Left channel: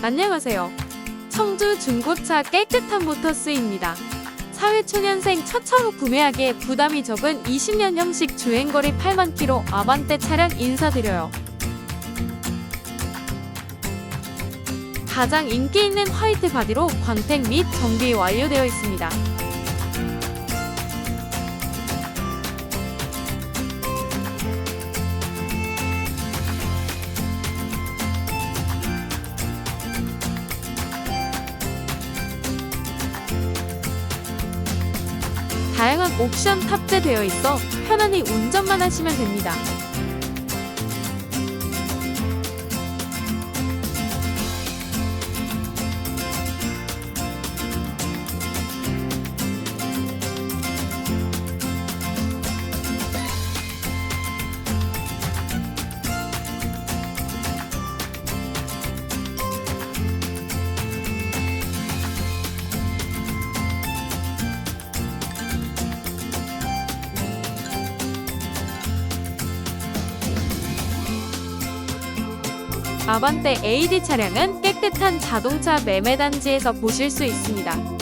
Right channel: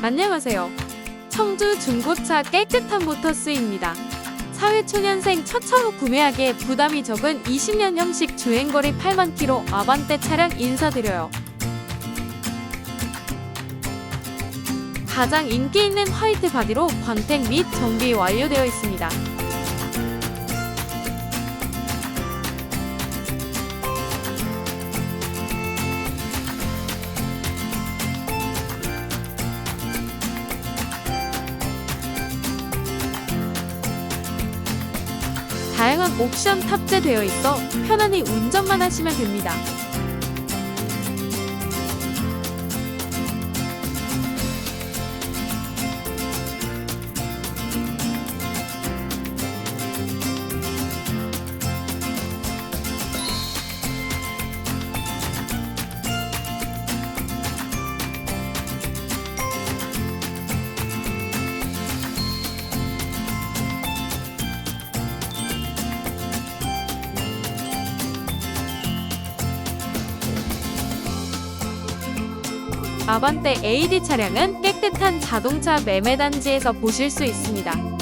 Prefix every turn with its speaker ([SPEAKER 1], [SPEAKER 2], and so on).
[SPEAKER 1] 안녕하세요. 청주 중고차 깨끗한 모터스입니다. 사회초년생 첫 차로 구매하기에 부담이 적은 20년 형식 주행거리 8만 킬로 아반떼 차량 인사드려요. 가장 인기 있는 화이트 바디로 광택 및 정비 완료되어 있습니다. 다양한 옵션 탑재되어 있어 편안히 운전만 하시면 됩니다. 아반떼 AD 차량은 깨끗한 자동차 매매 단지에서 보실 수 있습니다.